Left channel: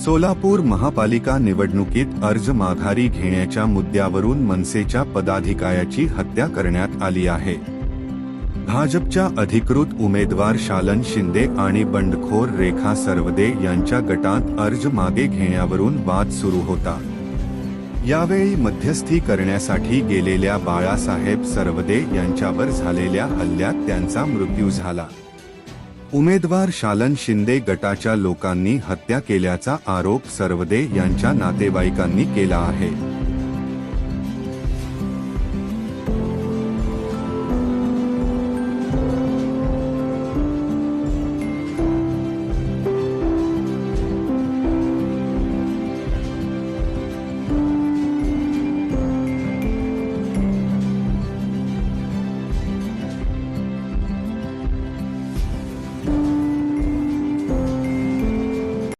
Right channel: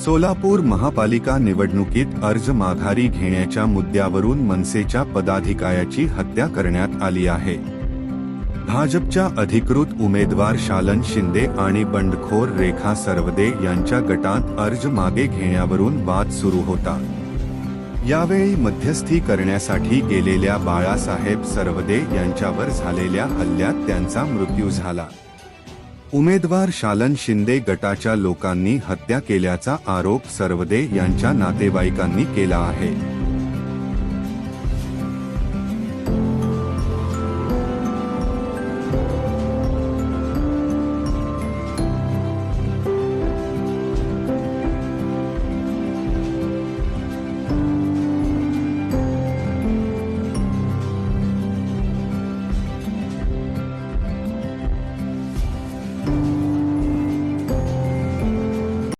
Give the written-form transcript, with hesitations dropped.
सोलापूर महापालिका निवडणुकीत अर्ज माघारी घेण्याच्या मुद्द्यावरून मनसेच्या पदाधिकाऱ्याची हत्या करण्यात आली आहे। भाजपच्या अधिकृत उमेदवार शालन शिंदे आणि बंडखोर रेखा सरवदे यांच्या गटात अर्ज मागे घेण्यावरून वाद सुरू होता। यावेळी मध्यस्थी करण्यासाठी गेलेल्या बाळासाहेब सरवदे यांच्यावर झालेल्या हल्ल्यात त्यांचा मृत्यू झाला। उमेदवार शालन शिंदे गटाच्या लोकांनी हत्या केल्याचा आरोप सरवदे यांच्या नातेवाईकांनी केला आहे।